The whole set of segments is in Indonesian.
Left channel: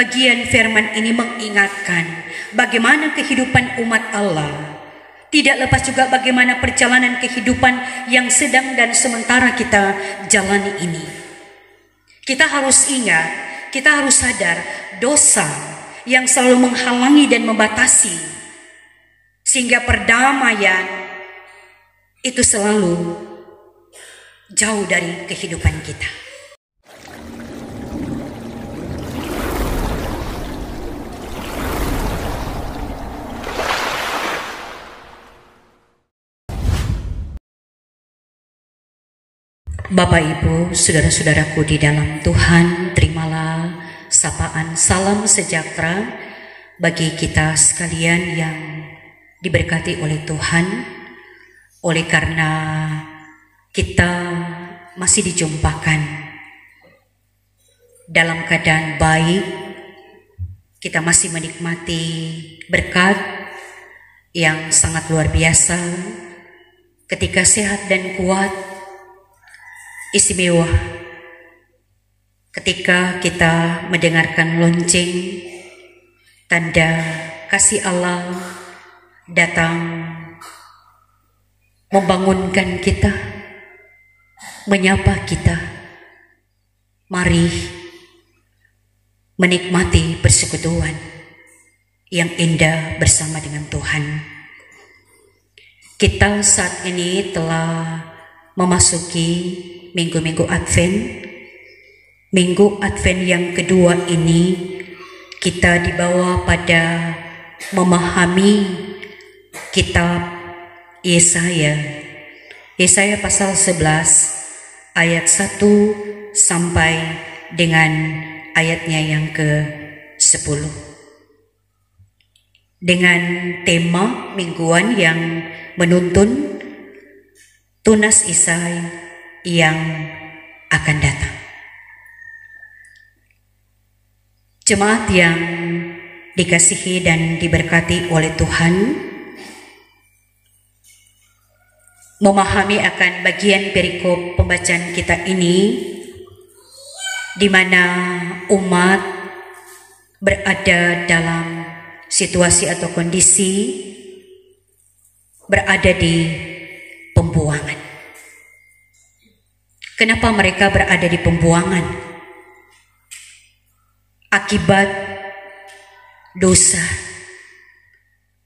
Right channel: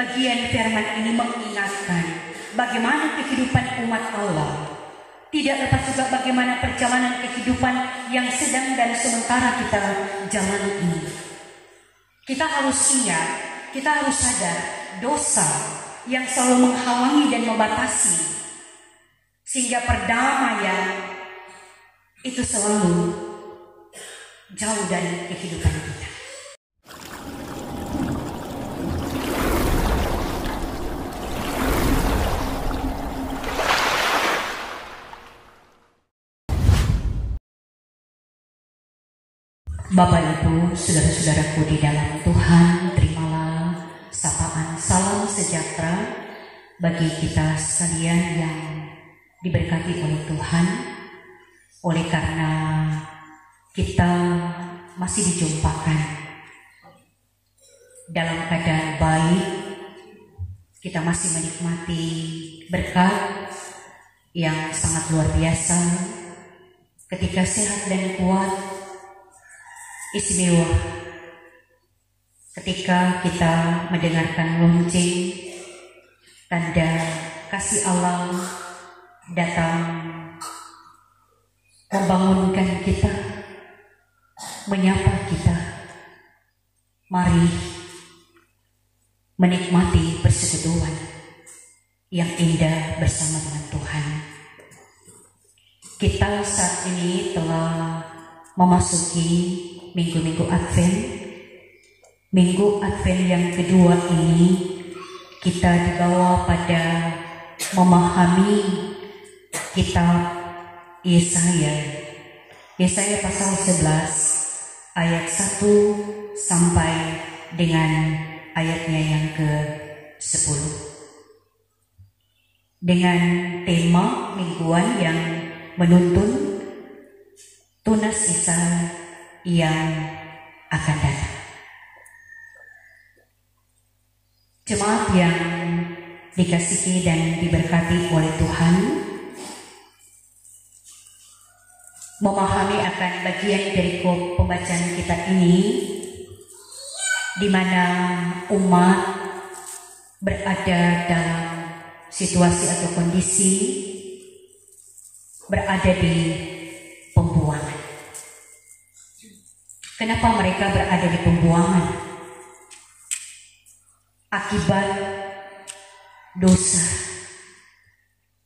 Bagian firman ini mengingatkan bagaimana kehidupan umat Allah. Tidak lepas juga bagaimana perjalanan kehidupan yang sedang dan sementara kita jalani ini. Kita harus ingat, kita harus sadar dosa yang selalu menghalangi dan membatasi, sehingga perdamaian itu selalu jauh dari kehidupan kita. Bapak Ibu, saudara-saudaraku di dalam Tuhan, terimalah sapaan salam sejahtera bagi kita sekalian yang diberkati oleh Tuhan. Oleh karena kita masih dijumpakan dalam keadaan baik, kita masih menikmati berkat yang sangat luar biasa ketika sehat dan kuat. Istimewa ketika kita mendengarkan lonceng tanda kasih Allah datang membangunkan kita, menyapa kita. Mari menikmati persekutuan yang indah bersama dengan Tuhan. Kita saat ini telah memasuki minggu-minggu Advent. Minggu Advent yang kedua ini kita dibawa pada memahami kitab Yesaya. Yesaya pasal 11 ayat 1 sampai dengan ayatnya yang ke-10. Dengan tema mingguan yang menuntun tunas Isai yang akan datang. Jemaat yang dikasihi dan diberkati oleh Tuhan, memahami akan bagian perikop pembacaan kita ini, di mana umat berada dalam situasi atau kondisi berada di pembuangan. Kenapa mereka berada di pembuangan? Akibat dosa.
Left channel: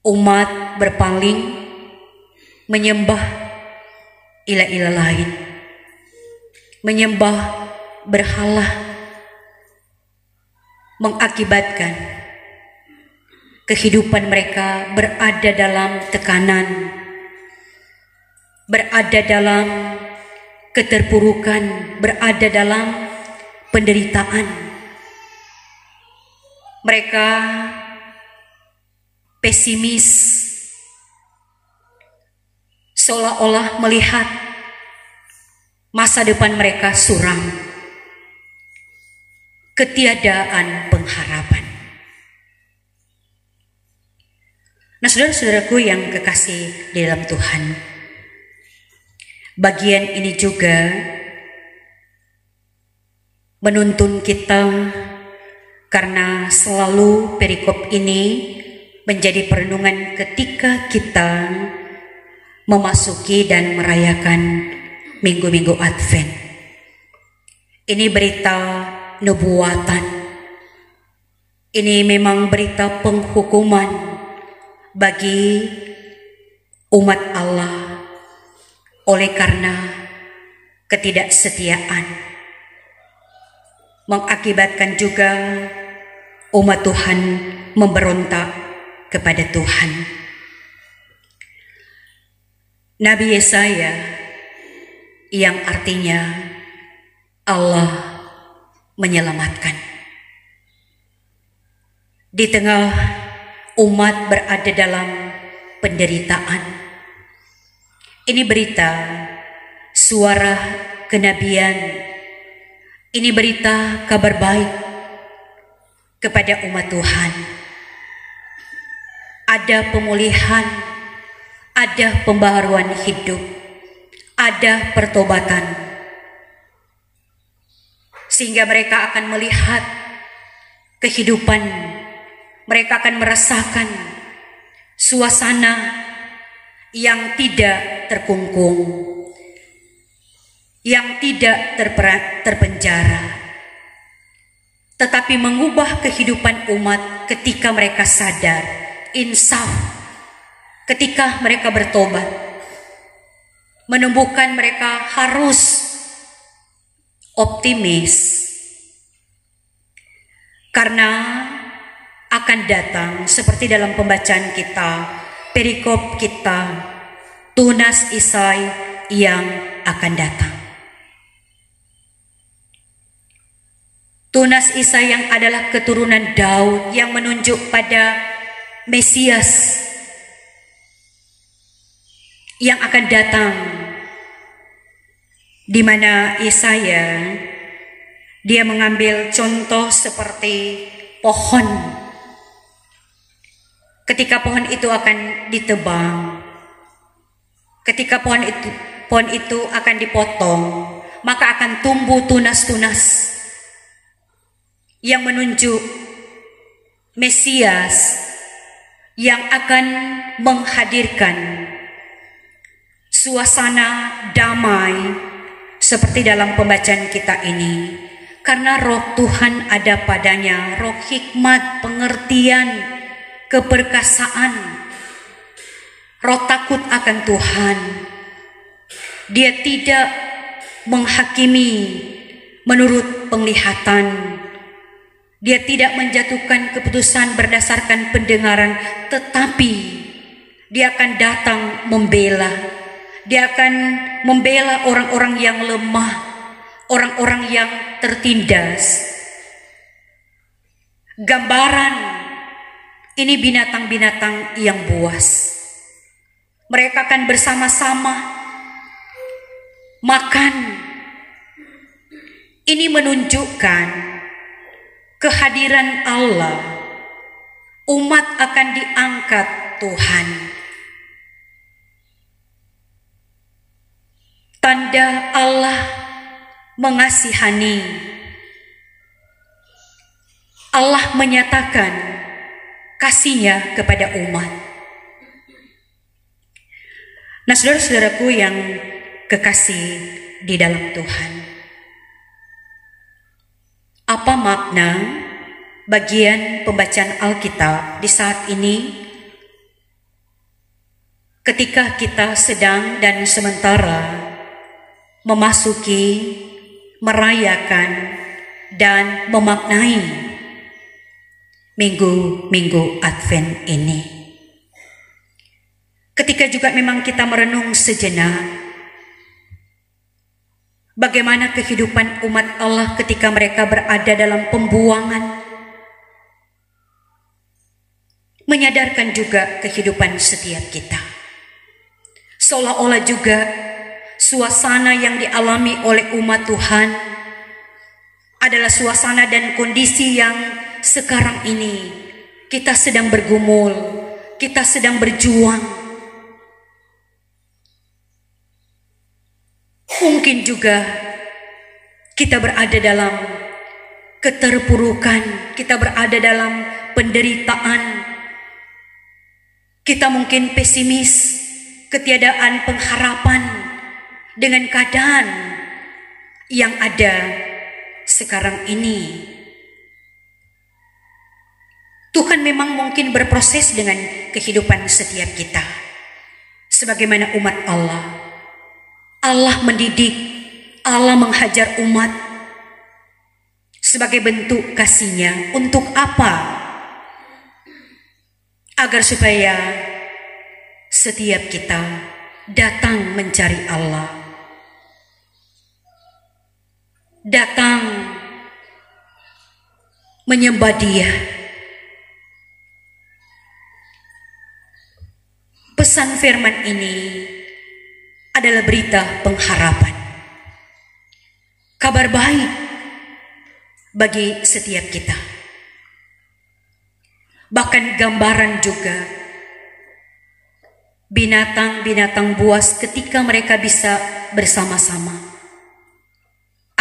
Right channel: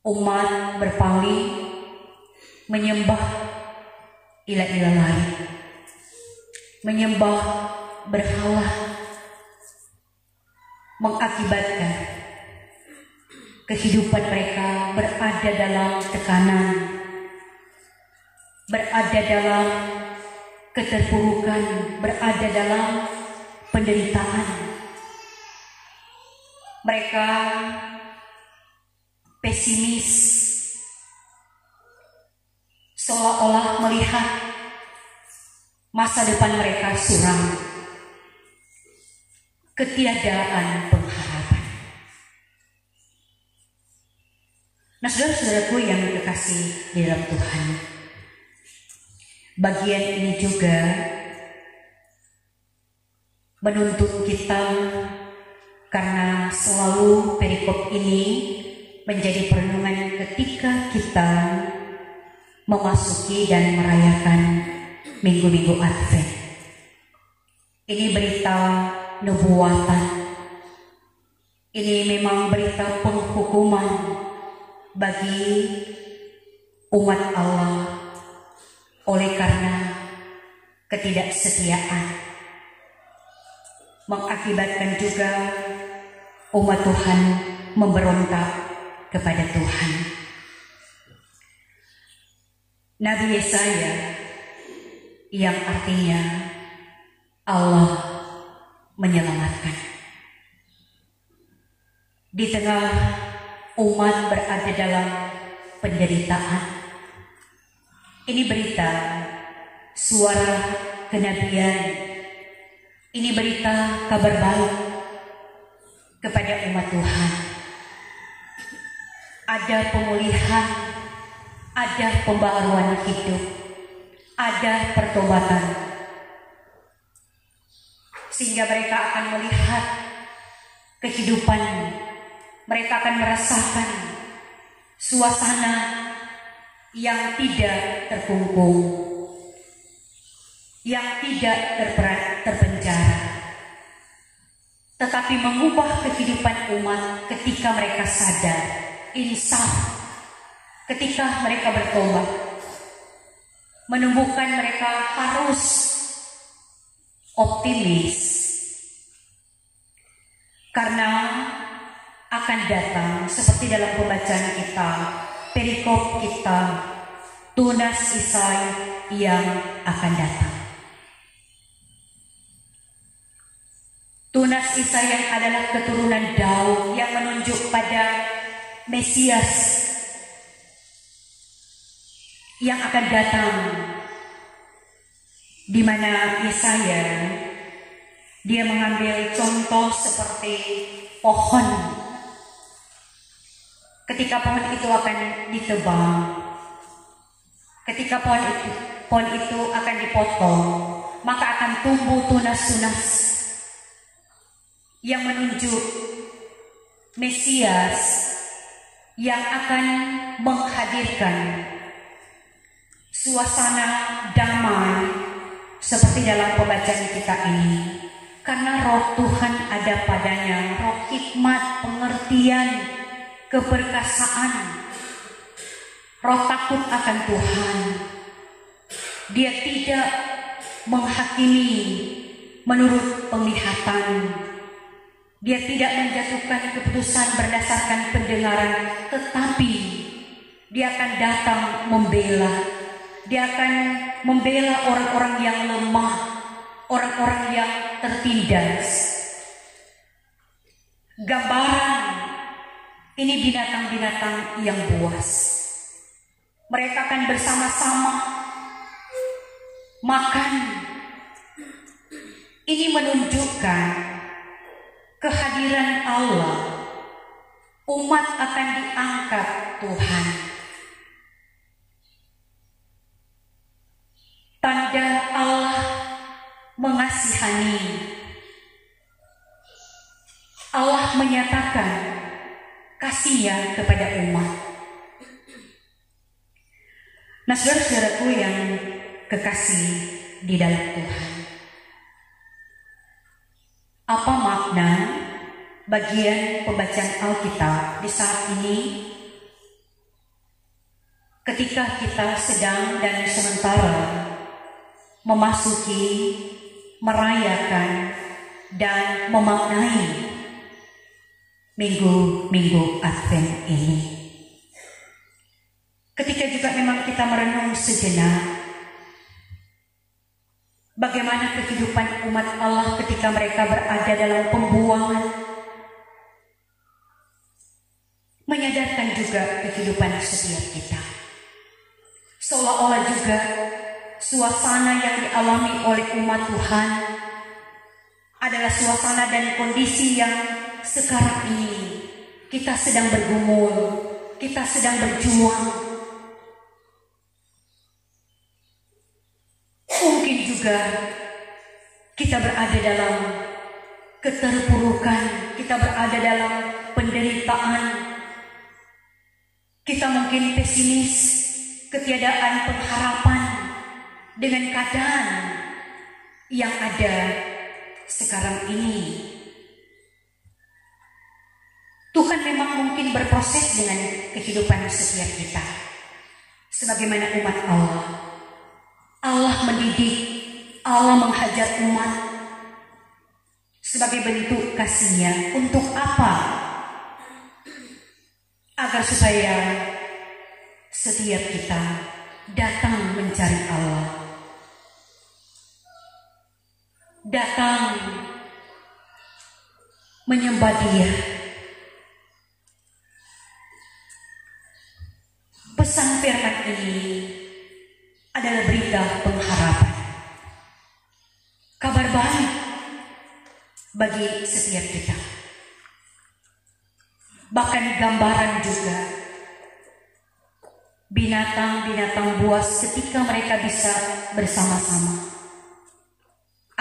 Umat berpaling menyembah ilah-ilah lain, menyembah berhala, mengakibatkan kehidupan mereka berada dalam tekanan, berada dalam keterpurukan, berada dalam penderitaan. Mereka pesimis, seolah-olah melihat masa depan mereka suram, ketiadaan pengharapan. Nah, saudara-saudaraku yang kekasih di dalam Tuhan, bagian ini juga menuntun kita karena selalu perikop ini menjadi perenungan ketika kita memasuki dan merayakan minggu-minggu Advent. Ini berita nubuatan. Ini memang berita penghukuman bagi umat Allah oleh karena ketidaksetiaan, mengakibatkan juga umat Tuhan memberontak kepada Tuhan. Nabi Yesaya yang artinya Allah menyelamatkan, di tengah umat berada dalam penderitaan. Ini berita suara kenabian, ini berita kabar baik kepada umat Tuhan. Ada pemulihan, ada pembaharuan hidup, ada pertobatan, sehingga mereka akan melihat kehidupan, mereka akan merasakan suasana yang tidak terkungkung, yang tidak terpenjara, tetapi mengubah kehidupan umat ketika mereka sadar, insaf, ketika mereka bertobat, menumbuhkan mereka harus optimis, karena akan datang seperti dalam pembacaan kita, perikop kita, tunas Isai yang akan datang. Tunas Isai yang adalah keturunan Daud yang menunjuk pada Mesias yang akan datang, di mana Yesaya dia mengambil contoh seperti pohon. Ketika pohon itu akan ditebang, ketika pohon itu akan dipotong, maka akan tumbuh tunas-tunas yang menunjuk Mesias yang akan menghadirkan suasana damai seperti dalam pembacaan kita ini. Karena roh Tuhan ada padanya, roh hikmat, pengertian, keperkasaan, roh takut akan Tuhan. Dia tidak menghakimi menurut penglihatan. Dia tidak menjatuhkan keputusan berdasarkan pendengaran, tetapi dia akan datang membela. Dia akan membela orang-orang yang lemah, orang-orang yang tertindas. Gambaran ini binatang-binatang yang buas. Mereka akan bersama-sama makan. Ini menunjukkan kehadiran Allah. Umat akan diangkat Tuhan. Tanda Allah mengasihani. Allah menyatakan kasih-Nya kepada umat. Nah, saudara-saudaraku yang kekasih di dalam Tuhan, apa makna bagian pembacaan Alkitab di saat ini ketika kita sedang dan sementara memasuki, merayakan, dan memaknai minggu-minggu Advent ini? Ketika juga memang kita merenung sejenak bagaimana kehidupan umat Allah ketika mereka berada dalam pembuangan, menyadarkan juga kehidupan setiap kita. Seolah-olah juga suasana yang dialami oleh umat Tuhan adalah suasana dan kondisi yang sekarang ini kita sedang bergumul, kita sedang berjuang. Mungkin juga kita berada dalam keterpurukan, kita berada dalam penderitaan. Kita mungkin pesimis, ketiadaan pengharapan dengan keadaan yang ada sekarang ini. Tuhan memang mungkin berproses dengan kehidupan setiap kita. Sebagaimana umat Allah, Allah mendidik, Allah menghajar umat sebagai bentuk kasih-Nya. Untuk apa? Agar supaya setiap kita datang mencari Allah, datang menyembah Dia. Pesan firman ini adalah berita pengharapan, kabar baik bagi setiap kita. Bahkan gambaran juga binatang-binatang buas ketika mereka bisa bersama-sama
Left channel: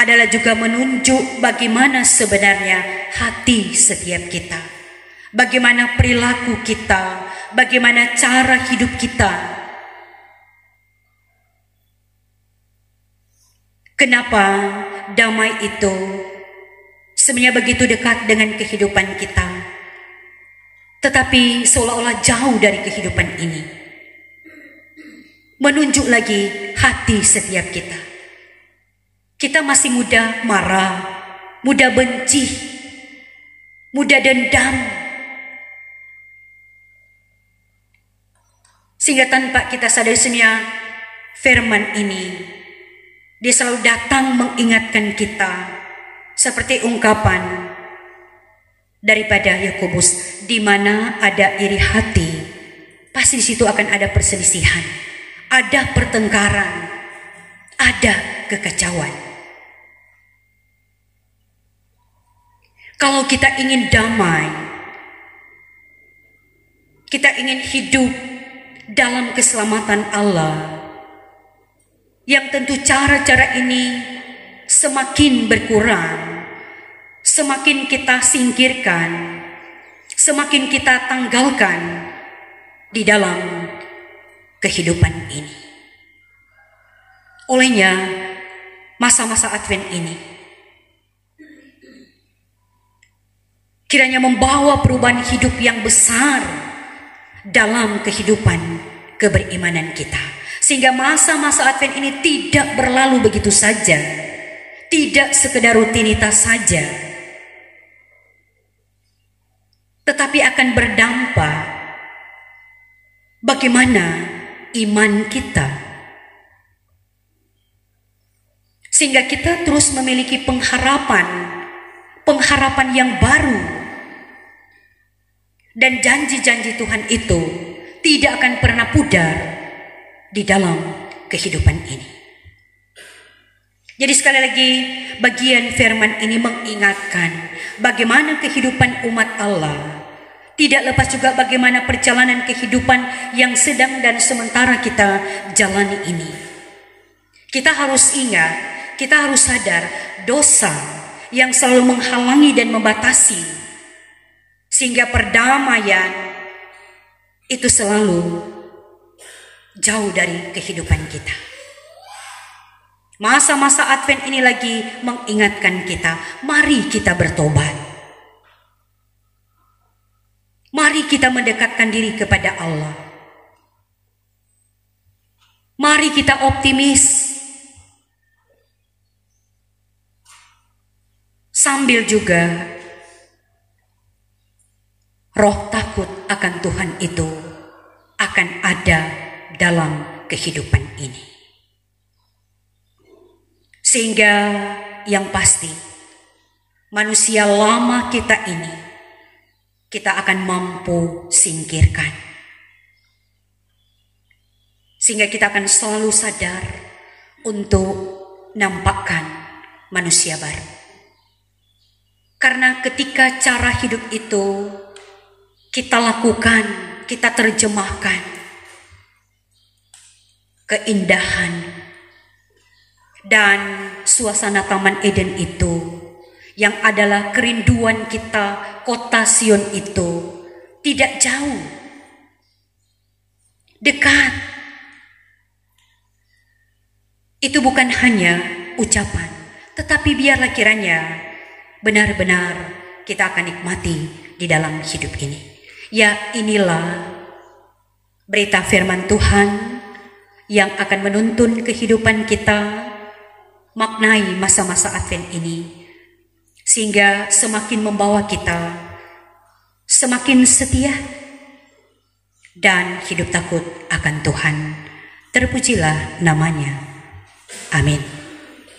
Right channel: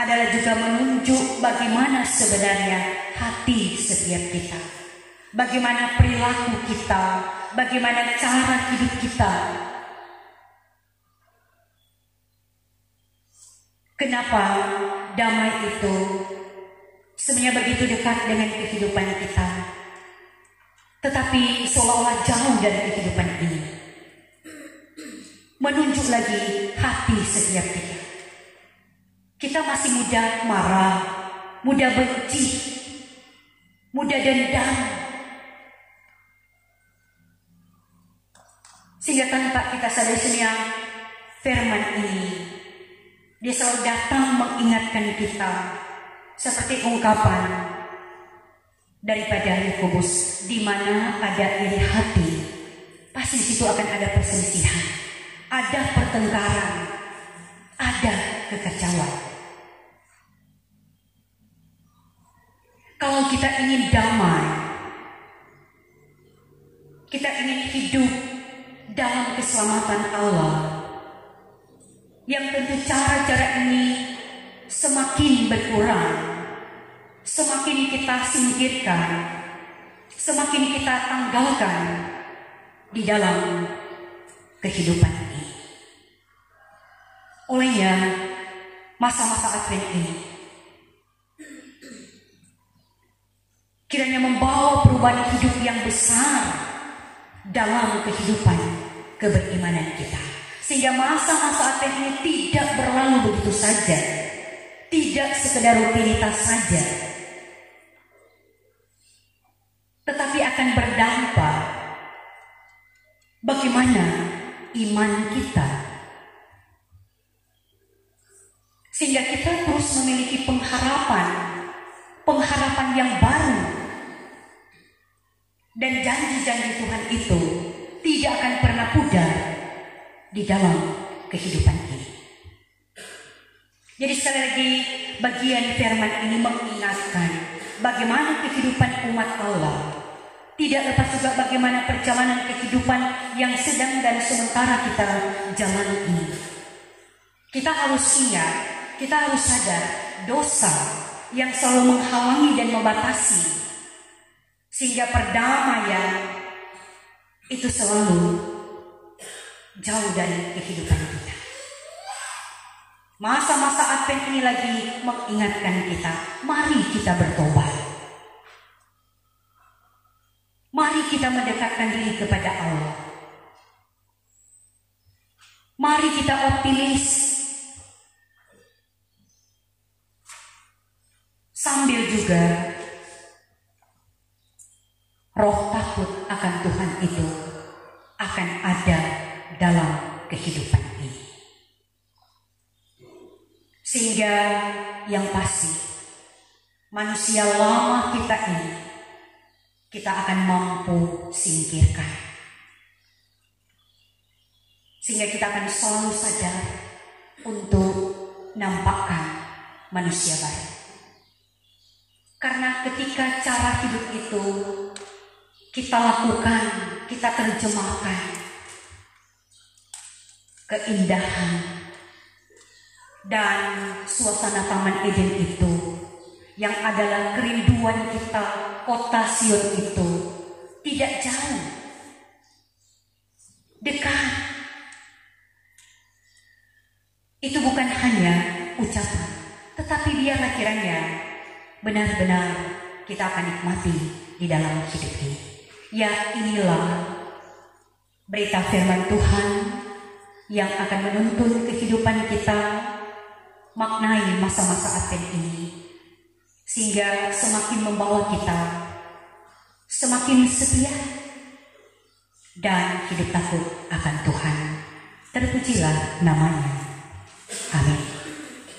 adalah juga menunjuk bagaimana sebenarnya hati setiap kita, bagaimana perilaku kita, bagaimana cara hidup kita. Kenapa damai itu sebenarnya begitu dekat dengan kehidupan kita, tetapi seolah-olah jauh dari kehidupan ini. Menunjuk lagi hati setiap kita. Kita masih mudah marah, mudah benci, mudah dendam. Sehingga tanpa kita sadari sebenarnya firman ini, dia selalu datang mengingatkan kita seperti ungkapan daripada Yakobus, di mana ada iri hati, pasti di situ akan ada perselisihan, ada pertengkaran, ada kekacauan. Kalau kita ingin damai, kita ingin hidup dalam keselamatan Allah, yang tentu cara-cara ini semakin berkurang, semakin kita singkirkan, semakin kita tanggalkan di dalam kehidupan ini. Olehnya, masa-masa Advent ini kiranya membawa perubahan hidup yang besar dalam kehidupan keberimanan kita. Sehingga masa-masa Advent ini tidak berlalu begitu saja, tidak sekedar rutinitas saja, tetapi akan berdampak bagaimana iman kita, sehingga kita terus memiliki pengharapan yang baru. Dan janji-janji Tuhan itu tidak akan pernah pudar di dalam kehidupan ini. Jadi sekali lagi, bagian firman ini mengingatkan bagaimana kehidupan umat Allah, tidak lepas juga bagaimana perjalanan kehidupan yang sedang dan sementara kita jalani ini. Kita harus ingat, kita harus sadar dosa yang selalu menghalangi dan membatasi, sehingga perdamaian itu selalu jauh dari kehidupan kita. Masa-masa Advent ini lagi mengingatkan kita, mari kita bertobat. Mari kita mendekatkan diri kepada Allah. Mari kita optimis, sambil juga roh takut akan Tuhan itu akan ada dalam kehidupan ini. Sehingga yang pasti, manusia lama kita ini kita akan mampu singkirkan. Sehingga kita akan selalu sadar untuk nampakkan manusia baru. Karena ketika cara hidup itu kita lakukan, kita terjemahkan keindahan dan suasana Taman Eden itu, yang adalah kerinduan kita, kota Sion itu tidak jauh, dekat. Itu bukan hanya ucapan, tetapi biarlah kiranya benar-benar kita akan nikmati di dalam hidup ini. Ya, inilah berita firman Tuhan yang akan menuntun kehidupan kita, maknai masa-masa Advent ini, sehingga semakin membawa kita semakin setia dan hidup takut akan Tuhan. Terpujilah namanya. Amin.